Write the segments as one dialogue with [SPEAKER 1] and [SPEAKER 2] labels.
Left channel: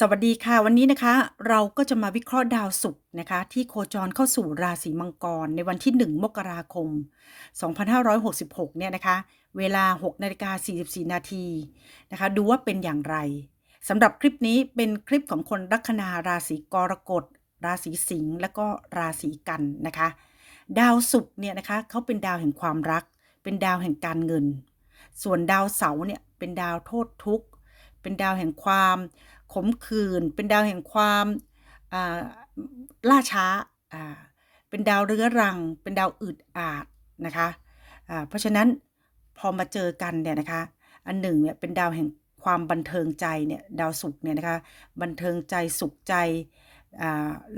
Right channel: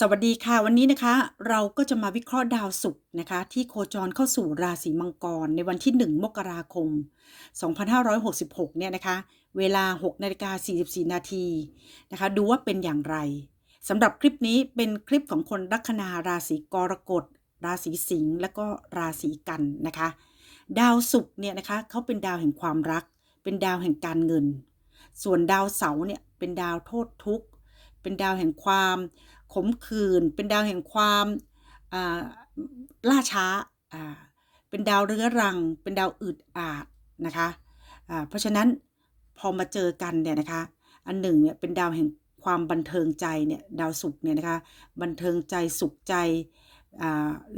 [SPEAKER 1] สวัสดีค่ะ วันนี้นะคะเราก็จะมาวิเคราะห์ดาวศุกร์นะคะ ที่โคจรเข้าสู่ราศีมังกรในวันที่ 1 มกราคม 2566 เนี่ยนะคะ เวลา 6นาฬิกา44 นาทีนะคะ ดูว่าเป็นอย่างไรสำหรับคลิปนี้เป็นคลิปของคนลัคนาราศีกรกฎ ราศีสิงห์และก็ราศีกันนะคะ ดาวศุกร์เนี่ยนะคะเขาเป็นดาวแห่งความรัก เป็นดาวแห่งการเงิน ส่วนดาวเสาร์เนี่ยเป็นดาวโทษทุกข์ เป็นดาวแห่งความ ขมขื่นเป็นดาวแห่งความล่าช้า เป็นดาวเรื้อรัง เป็นดาวอึดอาดนะคะเพราะฉะนั้นพอมาเจอกันเนี่ยนะคะ อันหนึ่งเนี่ยเป็นดาวแห่งความบันเทิงใจเนี่ยดาวศุกเนี่ยนะคะบันเทิงใจสุขใจ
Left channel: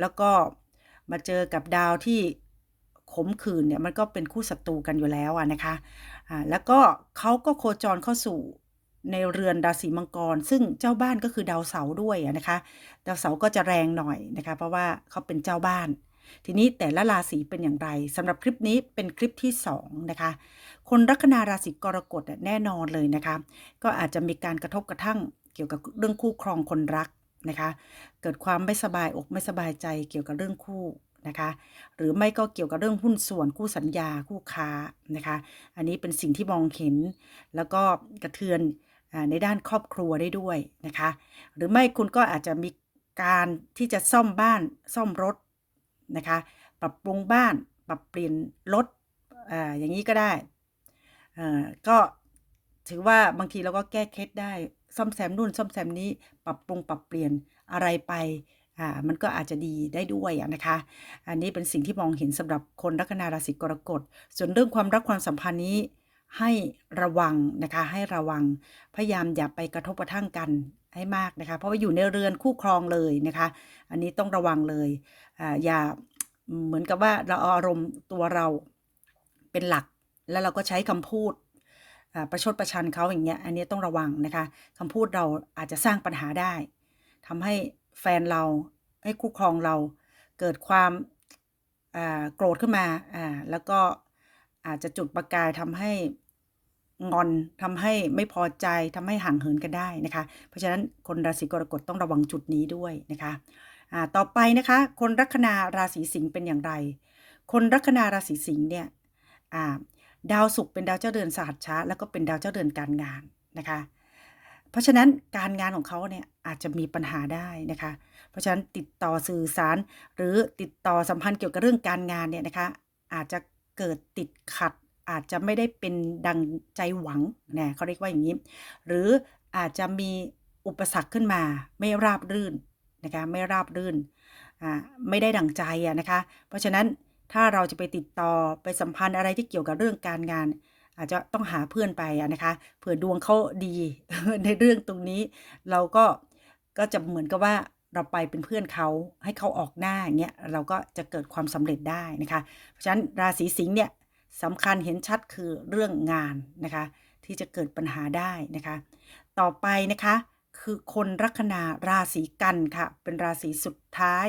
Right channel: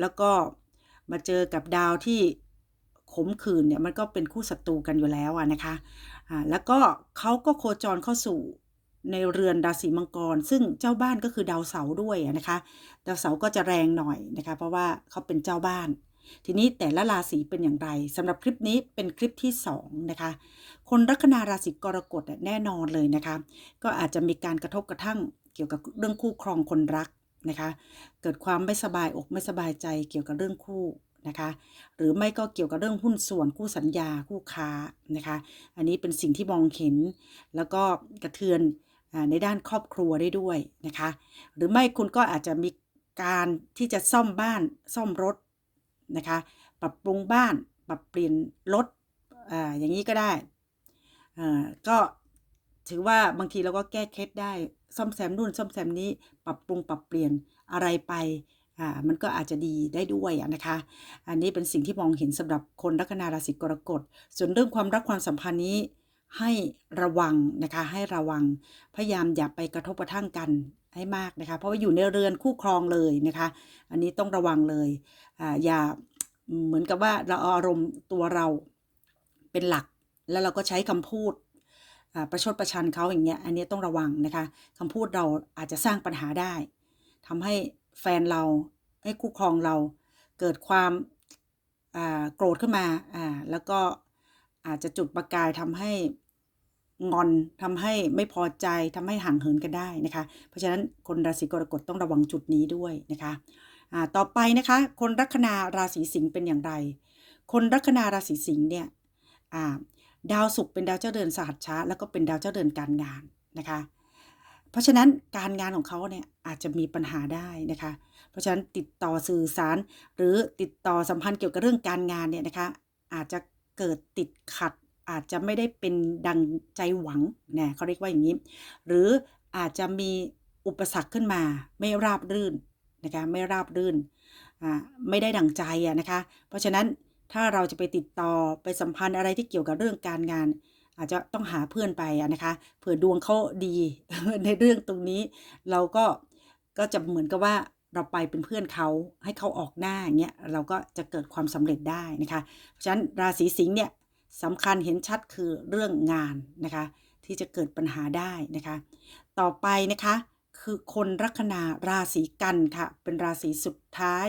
[SPEAKER 1] แล้วก็มาเจอกับดาวที่ขมขื่นเนี่ยมันก็เป็นคู่ศัตรูกันอยู่แล้วนะคะแล้วก็เขาก็โคจรเข้าสู่ ในเรือนราศีมังกร ซึ่งเจ้าบ้านก็คือดาวเสาร์ด้วยนะคะ ดาวเสาร์ก็จะแรงหน่อยนะคะ เพราะว่าเขาเป็นเจ้าบ้าน ทีนี้แต่ละราศีเป็นอย่างไรสำหรับคลิปนี้เป็นคลิปที่2นะคะ คนลัคนาราศีกรกฎแน่นอนเลยนะคะ ก็อาจจะมีการกระทบกระทั่งเกี่ยวกับเรื่องคู่ครองคนรักนะคะ เกิดความไม่สบายอกไม่สบายใจเกี่ยวกับเรื่องคู่นะคะหรือไม่ก็เกี่ยวกับเรื่องหุ้นส่วนคู่สัญญาคู่ค้านะคะ อันนี้เป็นสิ่งที่มองเห็น แล้วก็กระเทือน ในด้านครอบครัวได้ด้วยนะคะ หรือไม่คุณก็อาจจะมีการที่จะซ่อมบ้านซ่อมรถนะคะ ปรับปรุงบ้านปรับเปลี่ยนรถออย่างนี้ก็ได้ก็ถือว่าบางทีเราก็แก้เคล็ดได้ซ่อมแซมนู่นซ่อมแซมนี้ปรับปรุงปรับเปลี่ยนอะไรไปอ่ามันก็อาจจะดีได้ด้วยนะคะ อันนี้เป็นสิ่งที่มองเห็นสำหรับคนลัคนาราศีกรกฎส่วนเรื่องความรักความสัมพันธ์นี้ ให้ระวังนะคะ ให้ระวัง พยายามอย่าไปกระทบกระทั่งกันให้มากนะคะ เพราะว่าอยู่ในเรือนคู่ครองเลยนะคะ อันนี้ต้องระวังเลยออย่าเหมือนกับว่าเราเอาอารมณ์ตัวเราเป็นหลัก แล้วเราก็ใช้คำพูดประชดประชันเขาอย่างเงี้ย อันนี้ต้องระวังนะคะคำพูดเราอาจจะสร้างปัญหาได้ทำให้แฟนเราให้คู่ครองเราเกิดความโกรธขึ้นมาแล้วก็ อาจจะจุดประกายทำให้งอนทำให้ไม่พอใจทำให้ห่างเหินกันได้นะคะ เพราะฉะนั้นคนราศีกรกฎต้องระวังจุดนี้ด้วยนะคะต่อไปนะคะ คนลัคนาราศีสิงห์เป็นอย่างไร คนลัคนาราศีสิงห์เนี่ยดาวศุกร์เป็นดาวเจ้าเรือนสหัชชะแล้วก็เป็นดาวเจ้าเรือนการงานนะคะ เพราะฉะนั้นการงานของเขาเนี่ยอาจจะมีปัญหาได้นะคะ เพราะฉะนั้นติดต่อสื่อสาร หรือติดต่อสัมพันธ์เกี่ยวกับเรื่องการงานเนี่ยนะคะ อาจจะ เกิดติดขัด อาจจะไม่ได้เป็นดังใจหวังนะเขาเรียกว่าอย่างนี้ หรืออาจจะมีอุปสรรคขึ้นมาไม่ราบรื่นนะคะไม่ราบรื่นอ่าไม่ได้ดังใจนะคะ เพราะฉะนั้นถ้าเราจะไปติดต่อไปสัมพันธ์อะไรที่เกี่ยวกับเรื่องการงาน อาจจะต้องหาเพื่อนไปนะคะเผื่อดวงเขาดีในเรื่องตรงนี้ เราก็ก็จะเหมือนกับว่า เราไปเป็นเพื่อนเขาให้เขาออกหน้าเงี้ยเราก็จะเกิดความสำเร็จได้นะคะเพราะฉะนั้นราศีสิงห์เนี่ยสำคัญเห็นชัดคือเรื่องงานนะคะที่จะเกิดปัญหาได้นะคะ ต่อไปนะคะคือคนลัคนาราศีกันค่ะเป็นราศีสุดท้าย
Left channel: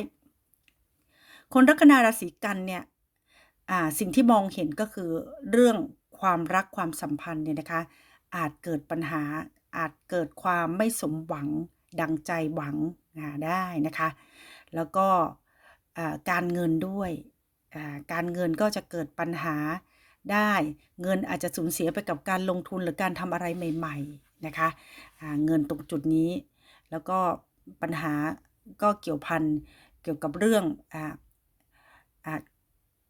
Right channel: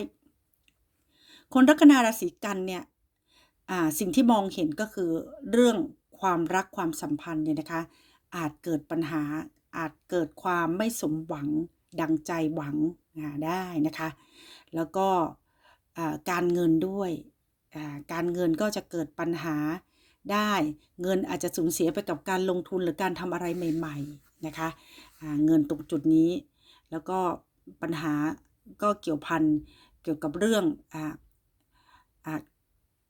[SPEAKER 1] คนลัคนาราศีกันเนี่ยสิ่งที่มองเห็นก็คือเรื่องความรักความสัมพันธ์เนี่ยนะคะอาจเกิดปัญหาอาจเกิดความไม่สมหวังดังใจหวัง อ่าได้นะคะ แล้วก็การเงินด้วยการเงินก็จะเกิดปัญหาได้เงินอาจจะสูญเสียไปกับการลงทุนหรือการทำอะไรใหม่ๆนะคะเงินตรงจุดนี้ แล้วก็ปัญหาก็เกี่ยวพันเกี่ยวกับเรื่องออ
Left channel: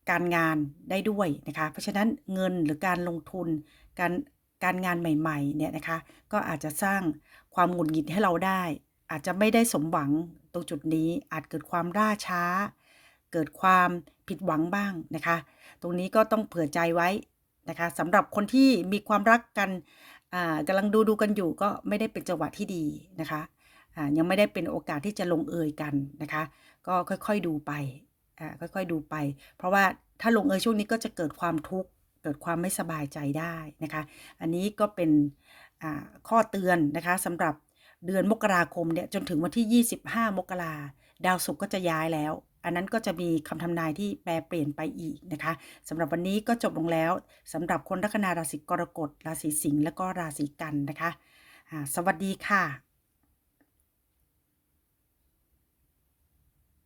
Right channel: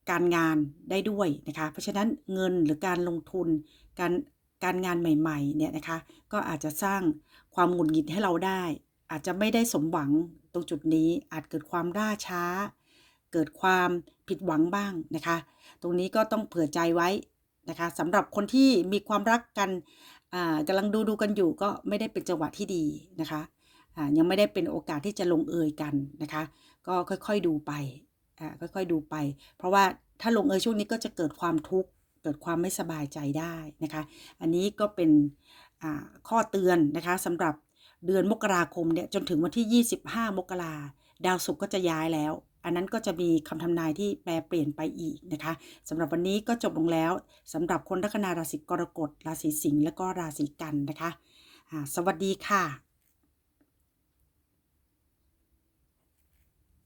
[SPEAKER 1] การงานได้ด้วยนะคะ เพราะฉะนั้นเงินหรือการลงทุนการการงานใหม่ๆเนี่ยนะคะ ก็อาจจะสร้างความหงุดหงิดให้เราได้ อาจจะไม่ได้สมหวังตรงจุดนี้อาจเกิดความล่าช้า เกิดความผิดหวังบ้างนะคะ ตรงนี้ก็ต้องเผื่อใจไว้นะคะสำหรับคนที่มีความรักกันอ่ากำลังดูดูกันอยู่ก็ไม่ได้เป็นจังหวะที่ดีนะคะอ่ายังไม่ได้เป็นโอกาสที่จะลงเอยกันนะคะ ก็ค่อยๆดูไปอ่าค่อยๆดูไป เพราะว่าถ้าลงเอยช่วงนี้ก็จะเกิดความทุกข์เกิดความไม่สบายใจได้นะคะ อันนี้ก็เป็นอ่าข้อเตือนนะคะสำหรับ เดือนมกราคมเนี่ยจนถึงวันที่ 25 มกราดาวศุกร์ก็จะย้ายแล้ว อันนั้นก็จะมีคำทำนายที่แปลเปลี่ยนไปอีกนะคะสำหรับวันนี้ก็จบลงแล้วสำหรับคนลัคนาราศีกรกฎราศีสิงห์และก็ราศีกันนะคะ สวัสดีค่ะ